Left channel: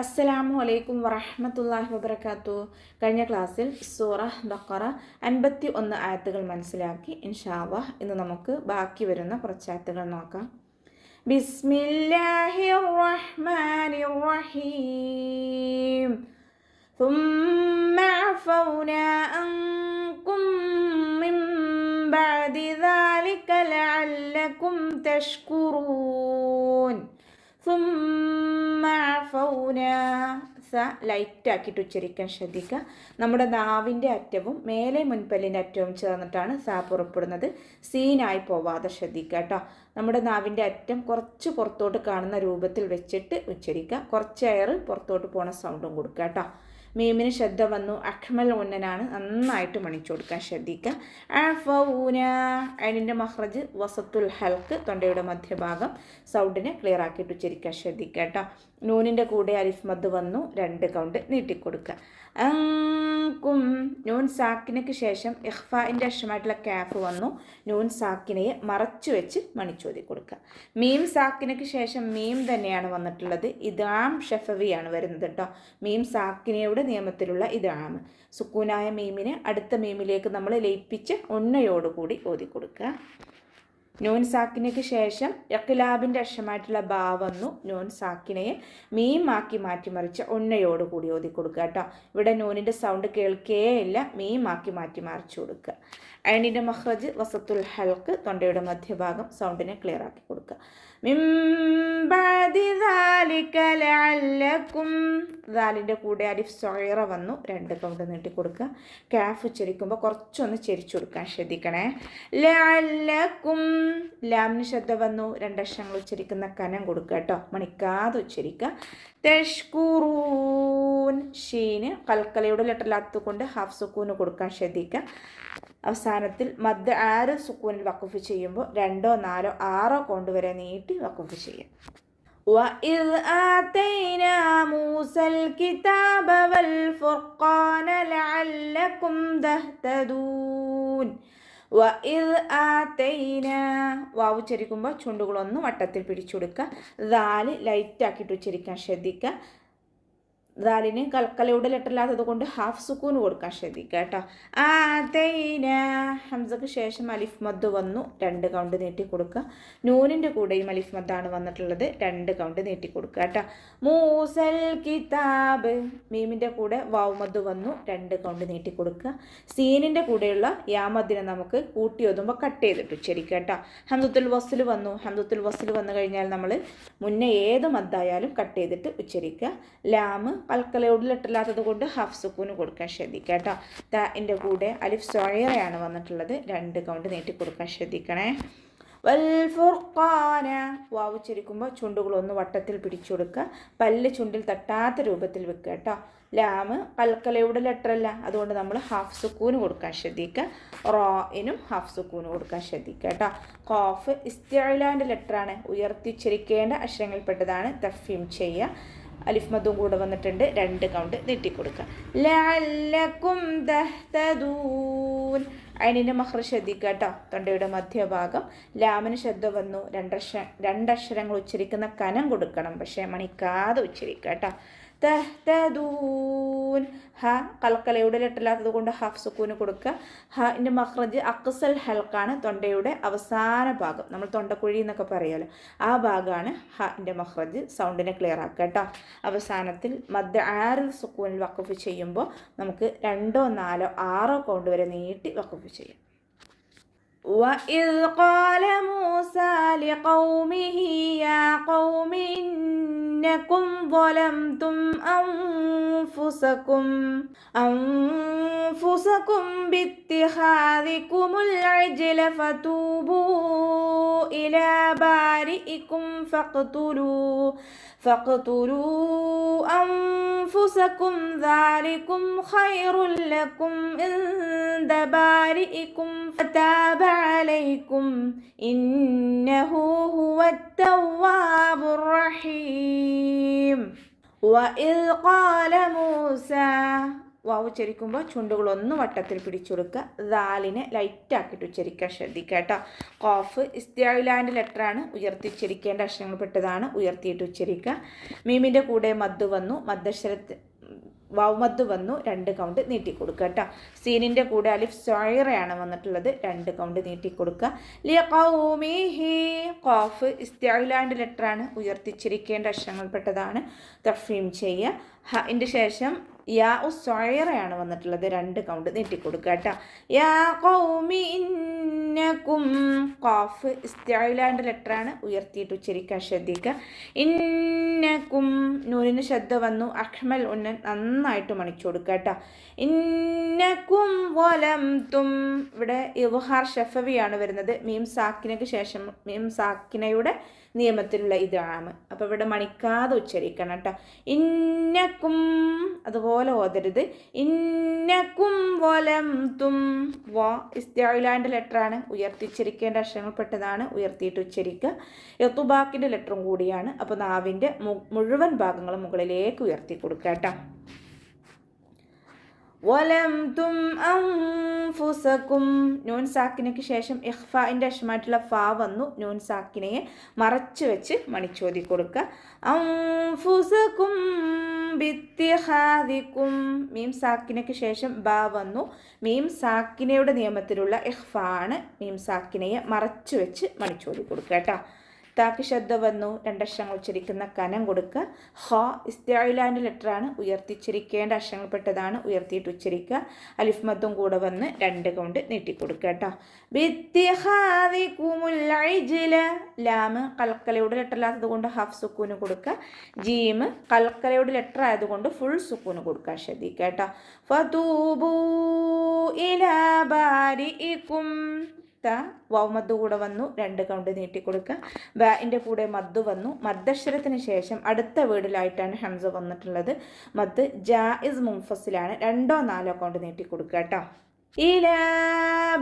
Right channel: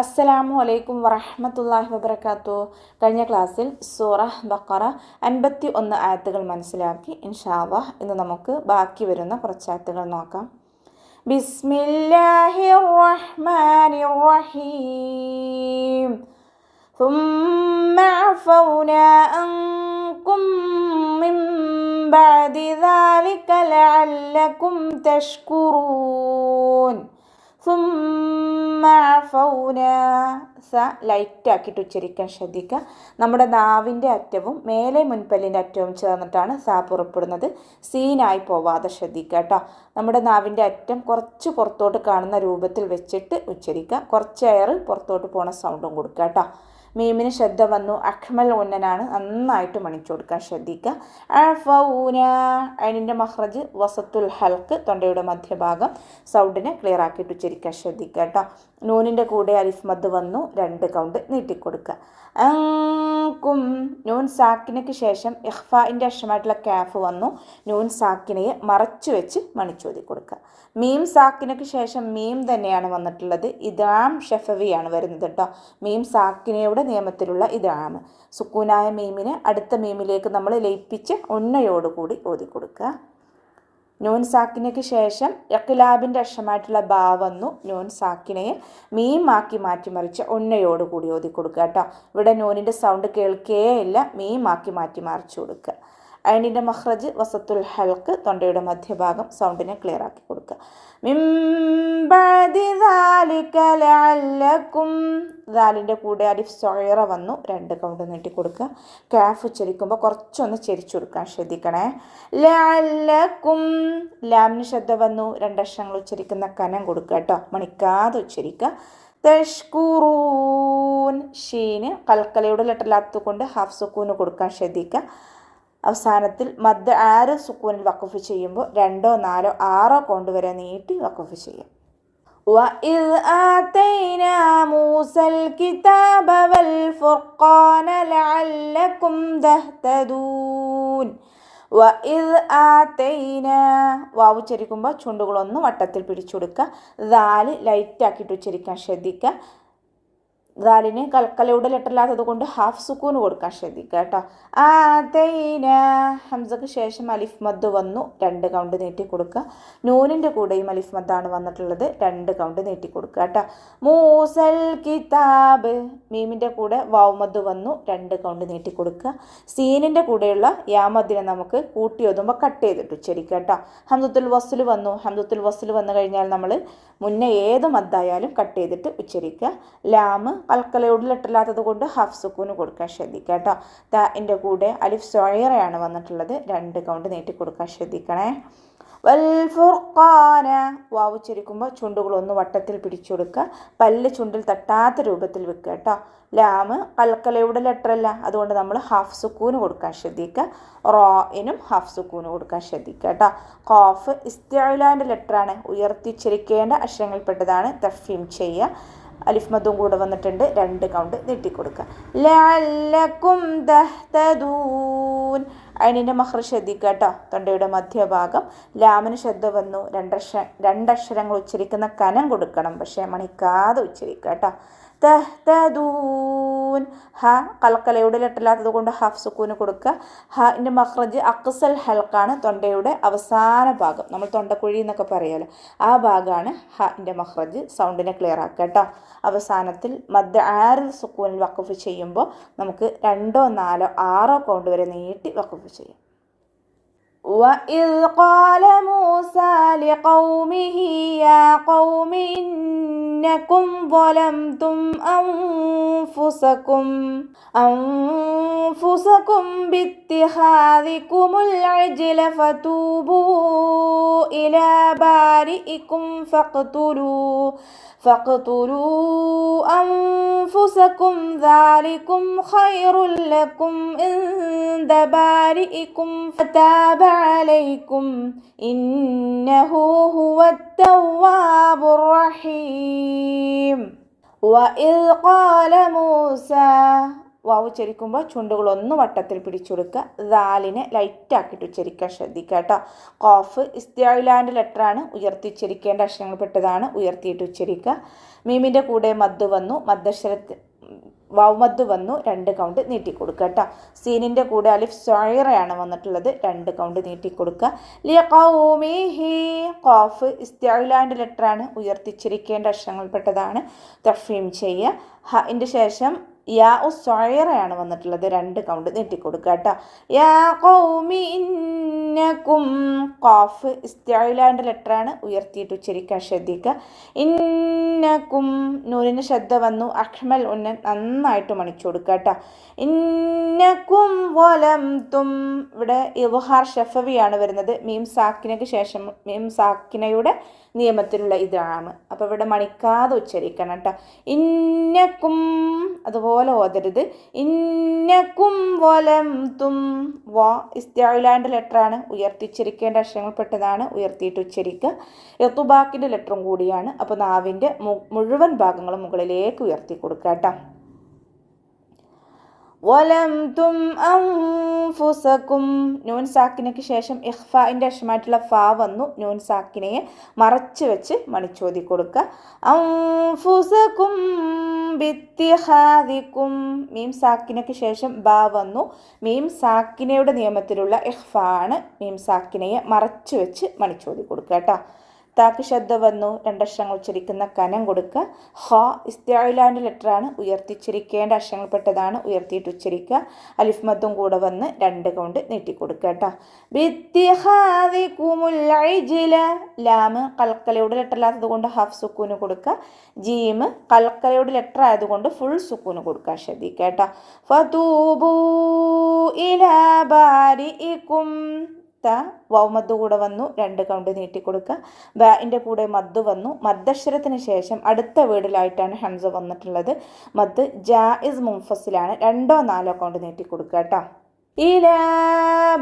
അസ്സലാമു അലൈക്കും വറഹ്മത്തുള്ളാഹി വബറകാതുഹു. കഴിഞ്ഞ ക്ലാസ്സിൽ സൂറ ബഖറ 51 ആയത്തുകൾ മനസ്സിലാക്കി. ഇൻഷാ അല്ലാഹ് ഇന്ന് നമുക്ക് ബാക്കി വരുന്ന കുറച്ച് ആയത്തുകൾ നോക്കാം. ബിസ്മില്ലാഹിർ റഹ്മാനിർ റഹീം. ثم عفونا عنكم من بعد ذلك لعلكم تشكرون. ലൈറ്റ് ആക്കിയിട്ട് ഉച്ചരിക്കാൻ ശ്രദ്ധിക്കുക. നമ്മുടെ നാവിൻ്റെ അറ്റവും മേലെ മുൻപല്ലിൻ്റെ അറ്റവും ചേർന്നിട്ടാണ് സ പുറപ്പെടുന്നത്. സീനായി പോവാതെ ശ്രദ്ധിക്കുക കേട്ടോ. നമ്മുടെ നാവിൻ്റെ അറ്റം കുറച്ച് പുറത്തോട്ട് കാണുന്ന രൂപത്തിൽ വെച്ചിട്ട് ഉച്ചരിക്കുക. കുറച്ച് എയർ പുറത്തോട്ട് പോണ സൗണ്ടും കൊടുക്കുക കേട്ടോ. മീമിന് ശ്രദ്ധ വന്നു. അഖ്മൽ ഉന്നനാണ്, നന്നായിട്ട് മണിച്ചു കൊടുക്കാൻ ശ്രദ്ധിക്കുക. അഫൗന അതിൻ്റെ മഹ്റജ് വസത്തുൽ ഹൽക്ക്, തൊണ്ടയുടെ മധ്യഭാഗം, സൗണ്ടിനെ ക്ലിയർ ആക്കിയിട്ട് ഉച്ചരിക്കാൻ ശ്രദ്ധിക്കുക കേട്ടോ. നൂനിൻ്റെ കൂടെ അലിഫ് മദ് വന്നു, 2 കൗണ്ട് നീട്ടിക്കൊടുക്കുക. അങ്കും നൂൻ സാക്കിനയ്ക്ക് ശേഷം ഇഖ്ഫാഇൻ്റെ അക്ഷരമായിട്ടുള്ള കാഫ് വന്നു. നൂൻ സാക്കിനയെ മറച്ചു വെച്ച് മണിച്ചോതി കൊടുക്കുക. മീം സാക്കിനയ്ക്ക് ശേഷം മീം തന്നെയാണ് വന്നിട്ടുള്ളത്. ഇദാം ഷഫവിയാണ് വരുന്നത് കേട്ടോ. മീം സാക്കിനയുടെ നിയമത്തിലുള്ള ഇദാം. സുക്കൂനായ മീമിനെ അടുത്ത മീമിലേക്ക് നമ്മൾ ലയിപ്പിച്ച് ഉണ്ണയോടുകൂടി ഓതി കൊടുക്കുക. നൂൻ സാക്കിനയ്ക്ക് ശേഷം ഇഖ്ലാബിൻ്റെ അക്ഷരമായിട്ടുള്ള ബാ വന്നു. നൂൻ സാക്കിനയെ മീമാക്കി മാറ്റിമറിച്ച് ഉണ്ണയോടുകൂടി ഓതി കൊടുക്കുക കേട്ടോ. ഇവിടെ നൂനിൻ്റെ സൗണ്ട് കേൾക്കേയില്ല, മീമാക്കി മാറ്റിമറിച്ച് കൊടുക്കുക. അയിനിൻ്റെ മഹ്റജ് വസത്തുൽ ഹൽക്ക്, തൊണ്ടയുടെ മധ്യഭാഗം, സൗണ്ടിനെ ക്ലിയർ ആക്കി കൊടുക്കുക. ദാലിൻ്റെ കൂടെ അലിഫ് സൊയറ വന്നു, 2 കൗണ്ട് നീട്ടി കൊടുക്കുക. കാഫ് ഉച്ചരിക്കുമ്പോൾ കുറച്ചൊന്ന് ചെരിച്ചു കൊടുക്കാൻ ശ്രദ്ധിക്കണേ. ലഅല്ലക്കും ലാമിന് ശ്രദ്ധ വന്നു, 2 അക്ഷരങ്ങൾ ഉച്ചരിക്കുന്ന കനം കൊടുക്കുക കേട്ടോ, മണിക്കാതെ ഉച്ചരിക്കുക. തഷ്കുറൂൻ ഷീന് കൽക്കലയുടെ ലെറ്ററിലാത്തുകൊണ്ട് ഹാഫ് സുക്കൂന് കൊടുക്കാൻ ശ്രദ്ധിക്കുക. അവസാനത്തിൽ മദ് 6 സുക്കൂനിൽ വഖഫ് ചെയ്യുമ്പോൾ 2, 4, 6 കൗണ്ട് വരെ നീട്ടി വഖഫ് ചെയ്യാം. وَإِذْ آتَيْنَا مُوسَى الْكِتَابَ وَالْفُرْقَانَ لَعَلَّكُمْ تَهْتَدُونَ. وَإِذْ آتَيْنَا വാവ് ഉച്ചരിക്കുമ്പോൾ ചുണ്ടുകളൊന്ന് വട്ടത്തിൽ പിടിച്ചു കൊടുക്കുക. ദാല് ലൈറ്റ് ആക്കിയിട്ട് ഉച്ചരിക്കാൻ ശ്രദ്ധിക്കുക. ദാലിന് കൽക്കലയുടെ ലെറ്ററില്ലാത്തത് കൊണ്ട് ഹാഫ് സുക്കൂന് കൊടുക്കാൻ ശ്രദ്ധിക്കുക കേട്ടോ. ആതൈന ഹംസക്ക് ശേഷം അലിഫ് മദ് വന്നു, 2 കൗണ്ട് നീട്ടി കൊടുക്കുക. നൂനിൻ്റെ കൂടെയും അലിഫ് മദ്ദാണ് വന്നിട്ടുള്ളത്, 2 കൗണ്ട് നീട്ടി കൊടുക്കുക കേട്ടോ. മൂസൽ കിതാബ് മീമിൻ്റെ കൂടെ വാവ് മദ് വന്നു, 2 കൗണ്ട് നീട്ടി കൊടുക്കുക. സീനിൻ്റെ കൂടെയുള്ള യാമദ്ദിനെ നമുക്ക് കൂട്ടി ഒതുമ്പോൾ കട്ട് ചെയ്തിട്ട് ഉച്ചരിക്കുക കേട്ടോ. ഹംദത്തുൽ വസ്ൽ വന്നു. ഹംദത്തുൽ വസ്ൽ വന്നു കഴിഞ്ഞാൽ നമ്മൾ മുന്നേ ഏത് മദ്ദായാലും കട്ട് ചെയ്തിട്ട് ഉച്ചരിക്കുക. ലാമ് കൽക്കലയോട് ലെറ്ററില്ലാത്തത് കൊണ്ട് ഹാഫ് സുക്കൂന് കൊടുക്കാൻ ശ്രദ്ധിക്കുക കേട്ടോ. താൻ്റെ കൂടെ അലിഫ് സൊയറയാണ് വന്നിട്ടുള്ളത്, 2 കൗണ്ട് നീട്ടി കൊടുക്കാൻ ശ്രദ്ധിക്കണേ. വൽ ഫുർഖാന വാവ് ഉച്ചരിക്കുമ്പോൾ ചുണ്ടുകളൊന്ന് വട്ടത്തിൽ പിടിച്ചു കൊടുക്കുക. പല്ല് ചുണ്ടിൽ തട്ടാത്ത രൂപത്തിൽ വെക്കുക കേട്ടോ. ലാമ് കൽക്കലയുടെ ലെറ്ററല്ല, അതുകൊണ്ട് നമ്മൾ ഹാഫ് സുക്കൂന് കൊടുക്കാൻ ശ്രദ്ധിക്കുക. റോയിനും ഹാഫ് സുക്കൂന് കൊടുക്കാൻ ശ്രദ്ധിക്കുക കേട്ടോ. ഖാഫ് ഇസ്തിഅലാൻ്റെ ലെറ്ററാണ്, ഉയർത്തിച്ചരിക്കേണ്ട അക്ഷരങ്ങളിൽപ്പെട്ടതാണ്. തഫ്ഹീം ചെയ്യുക. അലിഫ് മദ്ദും കൂടെ വന്നിട്ടുണ്ട്, 2 കൗണ്ട് നീട്ടിക്കൊടുക്കുക. ലഅല്ലക്കും തഹ്തദൂൻ അതിൻ്റെ മഹ്റജ് ശ്രദ്ധിക്കുക കേട്ടോ. തൊണ്ടയുടെ മധ്യഭാഗം. ലാമിന് ശ്രദ്ധ വന്നു, 2 അക്ഷരങ്ങൾ ഉച്ചരിക്കുന്ന കനം കൊടുക്കണം, പക്ഷേ മണിക്കാതെ ഉച്ചരിക്കുക കേട്ടോ. തഹ്തദൂൻ ഹ കൽക്കലയുടെ ലെറ്ററില്ലാത്തത് കൊണ്ട് ഹാഫ് സുക്കൂന് കൊടുക്കുക. ഹാൻ്റെ മഖ്റജ് അക്സൽ ഹൽക്കാണ്, തൊണ്ടയുടെ അവസാന ഭാഗം, നമ്മൾ തൊണ്ടക്കുഴി എന്നൊക്കെ പറയുമല്ലോ, ആ ഭാഗമാണ് ഹാൻ്റെ മഖ്റജ്. സൗണ്ടിനെ ക്ലിയർ ആക്കുക കേട്ടോ. അവസാനത്തിൽ മദ് 6 സുക്കൂനിൽ വഖഫ് ചെയ്യുമ്പോൾ നമുക്ക് 2, 4, 6 കൗണ്ട് വരെ നീട്ടി വഖഫ് ചെയ്യാം. وَإِذْ قَالَ مُوسَى لِقَوْمِهِ يَا قَوْمِ إِنَّكُمْ ظَلَمْتُمْ أَنفُسَكُمْ بِاتِّخَاذِكُمُ الْعِجْلَ فَتُوبُوا إِلَى بَارِئِكُمْ فاقتلوا أنفسكم ذلكم خير لكم عند بارئكم فتاب عليكم إنه هو التواب الرحيم. وإذ قال موسى വാവ് ഉച്ചരിക്കുമ്പോൾ ചുണ്ടുകളൊന്ന് വട്ടത്തിൽ പിടിച്ചെടുക്കുക. ദാലിനെ ലൈറ്റാക്കിയിട്ട് ഉച്ചരിക്കാൻ ശ്രദ്ധിക്കുക കേട്ടോ. ഖാഫ് ഇസ്തിഅലാൻ്റെ ലെറ്ററാണ്, ഉയർത്തി ഉച്ചരിക്കേണ്ട അക്ഷരങ്ങൾപ്പെട്ടതാണ്, ഉയർത്തിയിട്ട് ഉച്ചരിക്കുക. മീമിൻ്റെ കൂടെ മദ് വന്നു, മദ്ദക്ഷരത്തിൽ വാവ് മദ് വന്നു, 2 കൗണ്ട് നീട്ടിക്കൊടുക്കുക കേട്ടോ. സീനിൻ്റെ കൂടെ അലിഫ് സോയറയാണ് വന്നിട്ടുള്ളത്, 2 കൗണ്ട് നീട്ടിക്കൊടുക്കുക. ലിഖൗമിഹി ഖാഫ് ഇസ്തിഅലാൻ്റെ ലെറ്ററാണ്, ഉയർത്തിച്ചിരിക്കേണ്ട അക്ഷരങ്ങൾപ്പെട്ടതാണ്, തഫ്ഹീം ചെയ്യുക. ഹൻ്റെ ശേഷം യാ സോയറയാണ് വന്നിട്ടുള്ളത്, 2 കൗണ്ട് നീട്ടിക്കൊടുക്കുക കേട്ടോ. യാ ഖൗമി ഇന്നകും ഖാഫ് ഇസ്തിഅലാൻ്റെ ലെറ്ററാണ്, ഉയർത്തിയിട്ട് ഉച്ചരിക്കാൻ ശ്രദ്ധിക്കുക. ഇന്നകും നൂനിന് ശബ്ദ വന്നു, അഹ്മൽ ഉന്നൻ നന്നായിട്ട് മണിച്ചു കൊടുക്കുക കേട്ടോ. ഇന്നകും വലംതും ഇവിടെ ഇദ്ഹാർ ഷഫവിയാണ് വരുന്നത്, മീം സാക്കിനയ്ക്ക് ശേഷം മീം സാക്കിനയുടെ നിയമത്തിലുള്ള ഇതാണ്. അപ്പോൾ ഇവിടെ മണിക്കാതെ ഉച്ചരിക്കണം കേട്ടോ. ഇന്നക്കും അതുപോലെ ഓതരുത്. ഇന്നക്കും വലംതും വ ഇസ്തിഅലാൻ്റെ ലെറ്ററാണ്, ഉയർത്തിച്ചിരിക്കേണ്ട അക്ഷരങ്ങൾപ്പെട്ടതാണ്, ഉയർത്തിയിട്ട് ഉച്ചരിക്കുക. യത്തുബാക്കിൻ്റെ ലെറ്ററും കൂടിയാണ്. അപ്പോൾ നാവിൻ്റെ മുഴുവൻ ഭാഗങ്ങളും മുകളിലേക്ക് ഉയർത്തി കൊടുക്കുക കേട്ടോ. വലംതും അൻഫുസകും നൂൻ സാക്കിനയ്ക്ക് ശേഷം ഇഖ്ഫാഇൻ്റെ അക്ഷരമായിട്ടുള്ള ഫാ വന്നു, നൂൻ സാക്കിനയെ മറച്ച് വെച്ച് മണിച്ചോതി കൊടുക്കുക. അൻഫുസകും ബിത്തിഹാദികും മീം സാക്കിനയ്ക്ക് ശേഷം ബാ വന്നു, മീം സാക്കിനയുടെ നിയമത്തിലുള്ള ഇഖ്ഫാ ആണ്, മീം സാക്കിനയെ മറച്ച് വെച്ച് മണിച്ചോതി കൊടുക്കുക കേട്ടോ. താക്ക് ശബ്ദ വന്നു, 2 അക്ഷരങ്ങൾ ഉച്ചരിക്കുന്ന കനം കൊടുക്കുക. ഹ ഇസ്തിഅലാൻ്റെ ലെറ്ററാണ്, ഉയർത്തിച്ചിരിക്കേണ്ട അക്ഷരങ്ങൾപ്പെട്ടതാണ്, ഉയർത്തിയിട്ട് ഉച്ചരിക്കുക. അലിഫ് മദ്ദും കൂടെ വന്ന് 2 കൗണ്ട് നീട്ടിക്കൊടുക്കുക കേട്ടോ. ബിത്തിഹാദികുമുൽ ഇജ്ല ലാമ് കൽക്കലയുടെ ലെറ്റർ അല്ലാത്തത് കൊണ്ട് ഹാഫ് സുക്കൂന് കൊടുക്കുക. ജീം കൽക്കലയുടെ ലെറ്റർ ആയതുകൊണ്ട് ഫുൾ സുക്കൂന് കൊടുക്കുക, ശ്രദ്ധിക്കുക കേട്ടോ. ഫതൂബു ഇലാ ബാരിഇകും വാവ് മദ് കൂടെ വന്നു, 2 കൗണ്ട് നീട്ടിക്കൊടുക്കുക. ബാൻ്റെ കൂടെ മദ് വന്നു, മദ്ദക്ഷരത്തിന് ശേഷം അടുത്ത വേർഡിലായിട്ടാണ് ഹംസ വന്നിട്ടുള്ളത്. മദ് ജായിസ് മുൻഫസിലാണ്, 2 or 4 കൗണ്ട് നീട്ടിക്കൊടുക്കുക കേട്ടോ. ഇലാ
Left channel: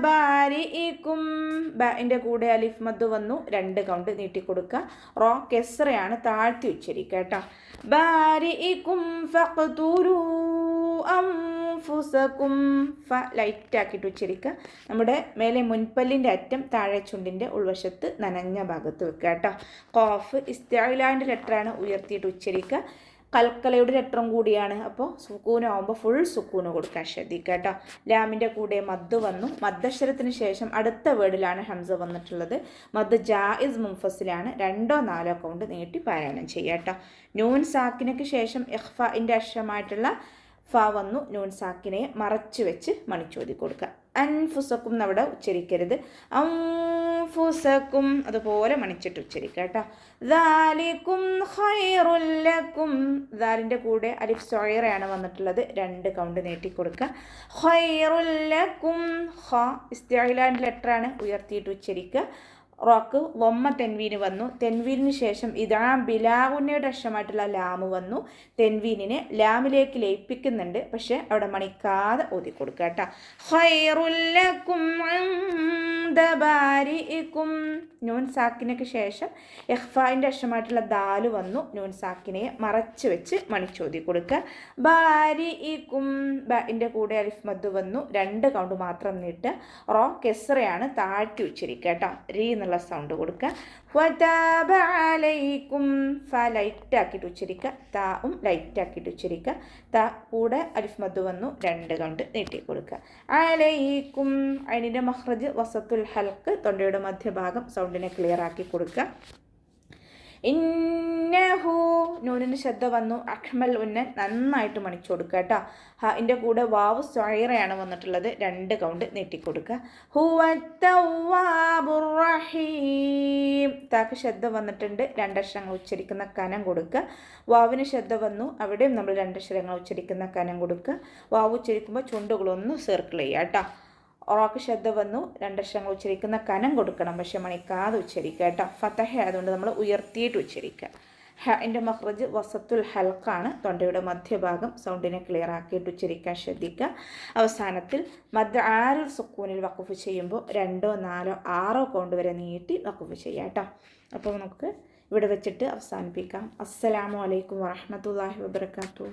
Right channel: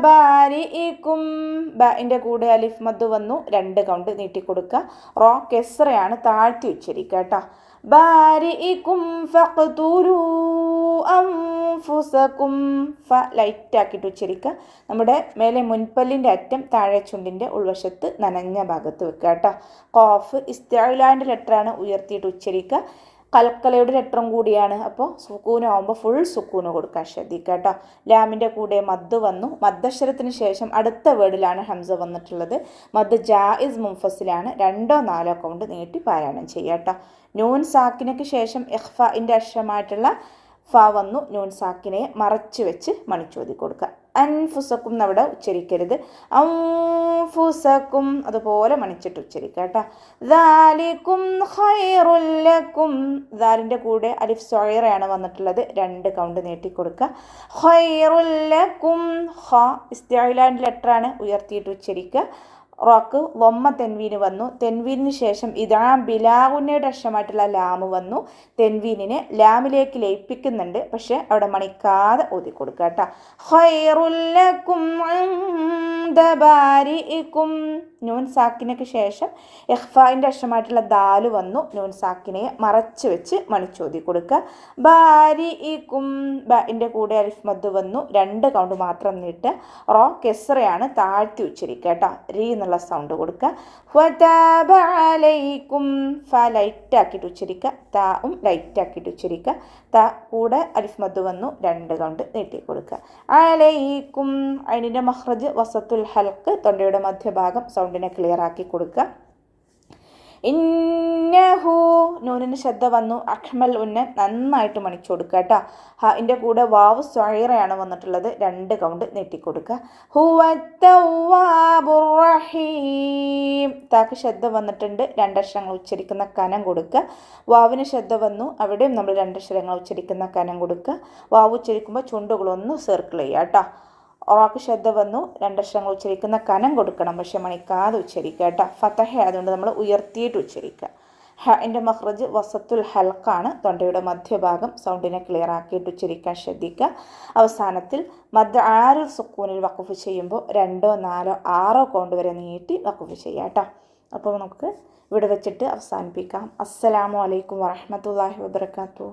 ബാരിഇകും ബാൻ്റെ കൂടെ അലിഫ് മദ് വന്നു, 2 കൗണ്ട് നീട്ടിക്കൊടുക്കുക. റോ കെസ്റയാണ്, താഴ്ത്തി ഉച്ചരിക്കുക കേട്ടോ. ബാരിഇകും ഫഖ്തുലൂ അൻഫുസകും ഫ ലൈറ്റാക്കിയിട്ട് ഉച്ചരിക്കുക. നമ്മുടെ മേലെ മുൻപല്ലിൻ്റെ അറ്റം താഴെ ചുണ്ടിൻ്റെ ഉൾവശത്ത് നനഞ്ഞ ഭാഗത്ത് വെക്കുക കേട്ടോ. ഖാഫ് ഇസ്തിഅലാൻ്റെ ലെറ്ററാണ്, ഉയർത്തിയിട്ട് ഉച്ചരിക്കുക. കൽക്കലയുടെ ലെറ്ററും കൂടിയാണ്, അപ്പോൾ സുക്കൂനാവുമ്പോൾ ഫുൾ സുക്കൂന് കൊടുക്കാൻ ശ്രദ്ധിക്കുക കേട്ടോ. ലാമിൻ്റെ കൂടെ മദ് വന്നു, മദ്ദക്ഷരത്തിന് ശേഷം അടുത്ത വേർഡിലാണ് ഹംസ വന്നിട്ടുള്ളത്. മദ് ജായിസ് മുൻഫസിലാണ്, 2 or 4 കൗണ്ട് നീട്ടി പാരായണം ചെയ്യുക കേട്ടോ. നൂൻ സാക്കിനയ്ക്ക് ശേഷം ഇഖ്ഫാഇൻ്റെ അക്ഷരമായിട്ടുള്ള ഫ വന്നു, നൂൻ സാക്കിനെ മറച്ച് വെച്ച് മണിച്ചോതി കൊടുക്കുക. അൻഫുസക്കും അവിടെ ഉച്ചരിക്കരുത്, അൻഫുസക്കും അതുപോലെ മണിച്ചിട്ട് ഉച്ചരിക്കുക കേട്ടോ. ദാലികും ഖൈറുൽ ലക്കും ദാലിൻ്റെ കൂടെ അലിഫ് സോയറയാണ് വന്നിട്ടുള്ളത്, 2 കൗണ്ട് നീട്ടിക്കൊടുക്കുക. ഖൈറുൽ ലക്കും ഖ ഇസ്തിഅലാൻ്റെ ലെറ്ററാണ്, ഉയർത്തിയിട്ട് ഉച്ചരിക്കുക. റോക്ക് വമ്മ തെൻവീന് വന്നു, തെൻവീനിന് ശേഷം ഇതാ ബിലാഗുന്നയുടെ അക്ഷരമായിട്ടുള്ള ലാമ് വന്നു. തെൻവീനിനെ ലാമിലേക്ക് ലയിപ്പിക്കുന്നുണ്ട്, പക്ഷെ അവിടെ മണിക്കാതെ ഓതി കൊടുക്കുക കേട്ടോ. ഖൈറുൽ ലക്കും ഇൻദ ബാരിഇകും നൂൻ സാക്കിനയ്ക്ക് ശേഷം ഇഖ്ഫാഇൻ്റെ അക്ഷരമായിട്ടുള്ള ദാല് വന്നു, നൂൻ സാക്കിനെ മറച്ച് വെച്ച് മണിച്ചോതി കൊടുക്കുക. ബാരിഇകും ബാൻ്റെ കൂടെ അലിഫ് മദ് വന്നു, 2 കൗണ്ട് മാത്രം നീട്ടുക. റോ കെസ്റയാണ്, താഴ്ത്തി ഉച്ചരിക്കുക കേട്ടോ. രീ എന്നുള്ള സൗണ്ട് കൊടുക്കുക. ഫതാബ അലൈക്കും ഫ ലൈറ്റാക്കിയിട്ട് ഉച്ചരിക്കുക, താവും ലൈറ്റാക്കിയിട്ട് ഉച്ചരിക്കുക. ത കൂടെ അലിഫ് മദ് വന്നു, 2 കൗണ്ട് നീട്ടി കൊടുക്കുക. അലൈക്കും അതിൻ്റെ മഖ്റജ് വസത്തുൽ ഹൽക്ക്, തൊണ്ടയുടെ മധ്യഭാഗം സൗണ്ടിനെ ക്ലിയർ ആക്കി കൊടുക്കുക. ഇന്നഹു നൂനിന് ശബ്ദ വന്നു, അഹ്മൽ ഉന്നൻ നന്നായിട്ട് മണിച്ചു കൊടുക്കുക കേട്ടോ. ഇതിൻ്റെ കൂടെ വാവ് സൊയറയാണ് വന്നിട്ടുള്ളത്, 2 കൗണ്ട് നീട്ടിക്കൊടുക്കുക. ഹുവത്തവ്വാബുർ റഹീം താക്ക് ശബ്ദ വന്നിട്ടുണ്ട്, 2 അക്ഷരങ്ങൾ ഉച്ചരിക്കുന്ന കനം കൊടുക്കുക. വാവിന് ശബ്ദ വന്നു, അവിടെയും നമ്മൾ 2 അക്ഷരങ്ങൾ ഉച്ചരിക്കുന്ന കനം കൊടുക്കുക. വാവ് ഉച്ചരിക്കുമ്പോൾ ചുണ്ടുകളൊന്ന് സർക്കിൾ ചെയ്യുക കേട്ടോ. ഒറാക്ക് ശബ്ദ വന്നു, 2 അക്ഷരങ്ങൾ ഉച്ചരിക്കുന്ന കനം കൊടുക്കണം, പക്ഷെ മണിക്കാതെ ഉച്ചരിക്കുക കേട്ടോ. ഫതഹ ആയതുകൊണ്ട് നമ്മൾ ഉയർത്തിയിട്ട് ഉച്ചരിക്കുക. ഹൻ്റെ മഖ്റജ് വസത്തുൽ ഹൽക്കാണ്, തൊണ്ടയുടെ മധ്യഭാഗം സൗണ്ടിനെ ക്ലിയർ ആക്കിയിട്ട് ഉച്ചരിക്കാൻ ശ്രദ്ധിക്കുക. അവസാനത്തിൽ മദ് ആരുൽ സുക്കൂനിൽ വഖഫ് ചെയ്യുമ്പോൾ 2, 4, 6 കൗണ്ട് വരെ നീട്ടി വഖഫ് ചെയ്യുക കേട്ടോ. അപ്പോൾ നമുക്ക് ഇവിടെ വെച്ചിട്ട് അവസാനിപ്പിക്കാം. അസ്സലാമു അലൈക്കും വറഹ്മത്തുള്ളാഹി വബറകാതുഹു.